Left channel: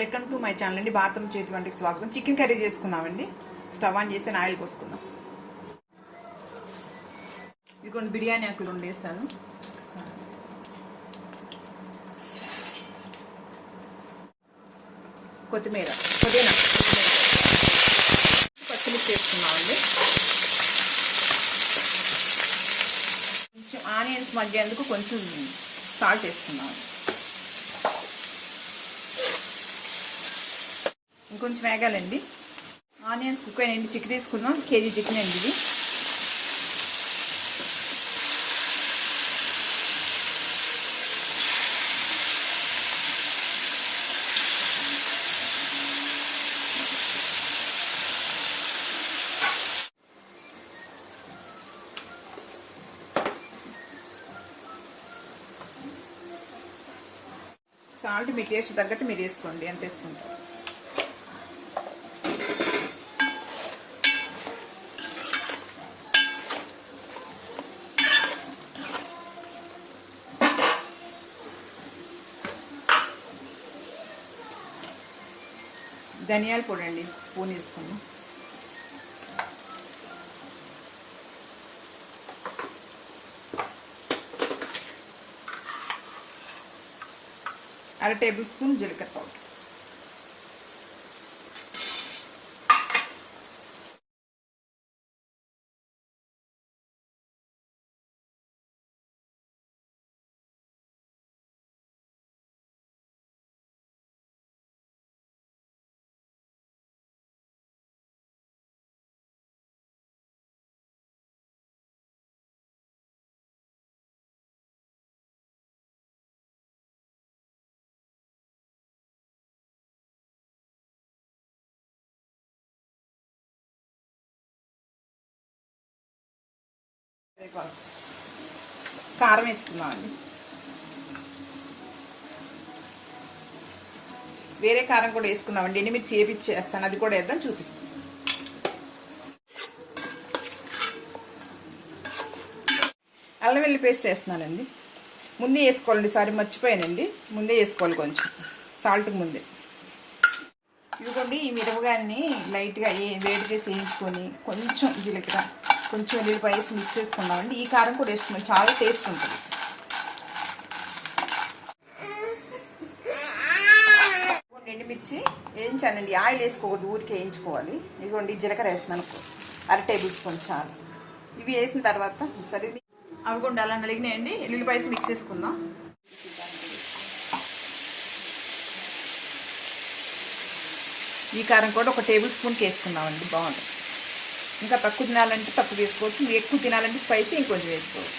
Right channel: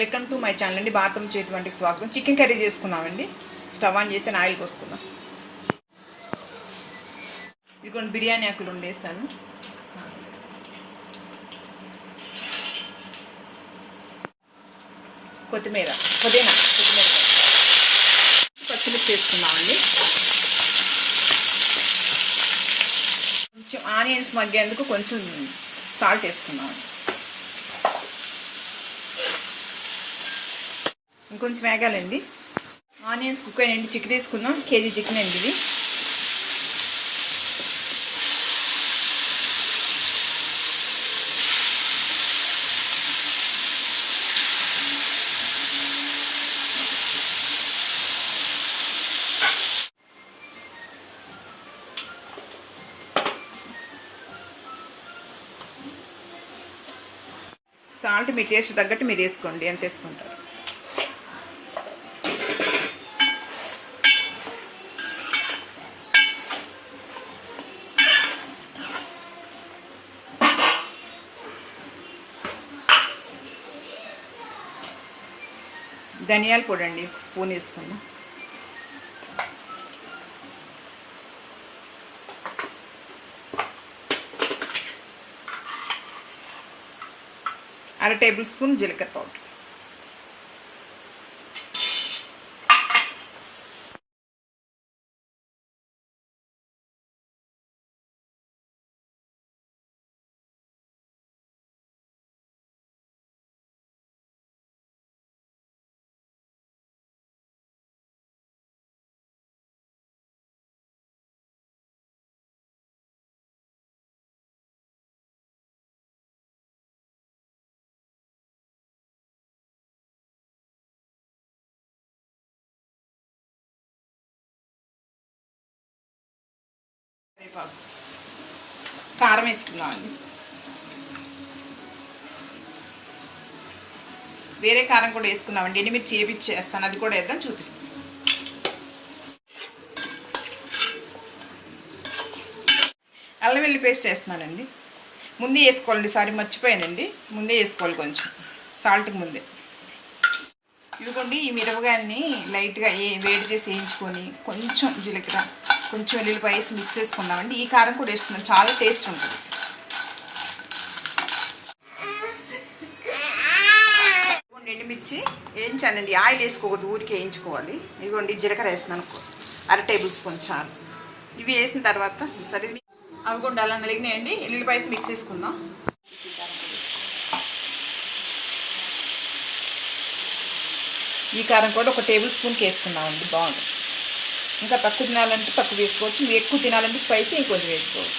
Welcome to my channel అండి. భారతం చేతి వంటికి స్వాగతం. చికెన్ కర్రీ చేసుకున్నామండి. స్టవ్ ఆన్ చేసి ఆయిల్ పోసుకుందాం. ఇది కొన్ని బిర్యానీ ఆకులు వండేస్తాను. పుదీనా పచ్చిమిర్చి వేసుకున్నామండి. కొంచెం ఆనియన్స్ మగ్గేందుకు కొంచెం సాల్ట్ వేసుకున్నాము. ఇంకొంచెం వేగాలండి. ఆనియన్స్ కుక్ అయినండి. చికెన్ తీసుకుందాం. కేజీ చికెన్ అండి ఇది. సాల్ట్ మీ టేస్ట్ తగ్గట్టు మీరు వేసుకోండి. ఎంత వేసుకుంటారు? ధనియాల పొడి అండి స్పూన్ వేసుకున్నాం. అర టేబుల్ స్పూన్ జీలకర్ర పౌడర్. కారం వేసుకున్నామండి. వేరే కారం కూడా వేసుకున్నామండి. ఎండుమిర్చి చేపిచ్చేస్తాను, అది కూడా వేద్దాం, చూపిస్తాను. అల్లం వెల్లుల్లి పేస్ట్ వేస్తున్నానండి. ముందే వేసుకోవాలండి. సారీ మర్చిపోయానండి. ముందే వేసుకోవాలి కొంచెం సాల్ట్కి ముందే. ఇదిగోండి ఈ మిరపకాయని లైట్గా వేడి చేసి వేయించుకొని కొంచెం జీలకర్ర కొంచెం వెల్లుల్లిపాయ వేసి మిక్స్ చేసుకున్నామండి. ఈ కారం కూడా వేసుకున్నాం, చాలా టేస్ట్ ఉంటుంది. ఎండుమిర్చి వేయించానండి. ఆయిల్ వేసుకోకూడదు, ఊరికి వేయించుకోవాలి. ఇదిగోండి జీలకర్ర వేస్తున్నాను, అర టేబుల్ స్పూన్ చాలు. ఇవి వేసిన తర్వాత సరే అవి కూడా అలా వెలిగినాయండి. వెల్లుల్లిపాయ వేసి మిక్స్ చేసుకుందాం. ఈ కారం కూడా ఒక టేబుల్ స్పూన్కి వేసుకున్నామండి. బాగుంటుంది. ఇంకా తక్కువ తినాలంటే తక్కువ వేసుకోవచ్చు, మీరు ఎక్కువ తినాలంటే స్పైసీ ఇంకొంచెం వేసుకోవచ్చు.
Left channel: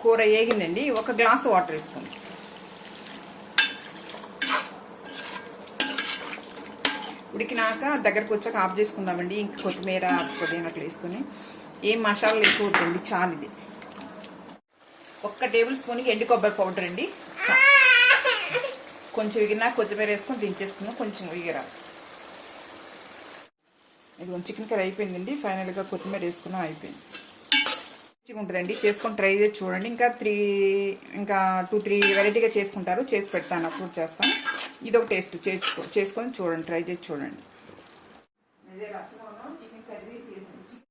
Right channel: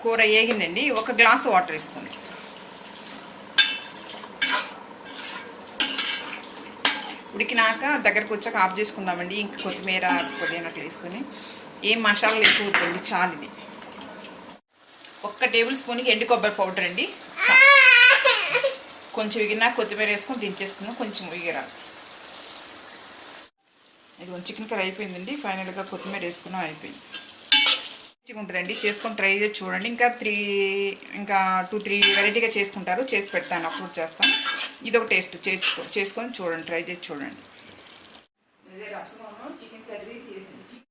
కూర వేగిందండి. ఒక గ్లాసు వాటర్ వేసుకోండి. ఉడికినాక దగ్గరకు వచ్చాక ఆఫ్ చేసుకుందామండి. ఇంక కొత్తిమీర పుదీనాకు వేసుకొని ఏం మసాలాలు ఎక్కువ వద్దండి, చాలు. ఇది ఒక్క టేబుల్ స్పూన్కి ఎండు కొబ్బరి పౌడర్ అండి. కొంచెం ఎగిరినా కొత్తిమీర వేసుకొని దించేసుకున్నాం. కొంచెం ఎగిరా ఇది చికెన్ కర్రీ అయిపోయిందండి. ఫైనల్గా కొత్తిమీర వేసుకున్నాం, అయిపోయింది. మంచిగా ఉంటుందండి, చేసుకొని ట్రై చేసి చూడండి. ఇంకా 2-3 వెరైటీగా చేసుకుంటారు, చేసి పెడతాను, అప్లోడ్ చేస్తాను. ఇది ఒక టేస్ట్ చేసుకొని చూడండి, ట్రై చేసి చూడండి.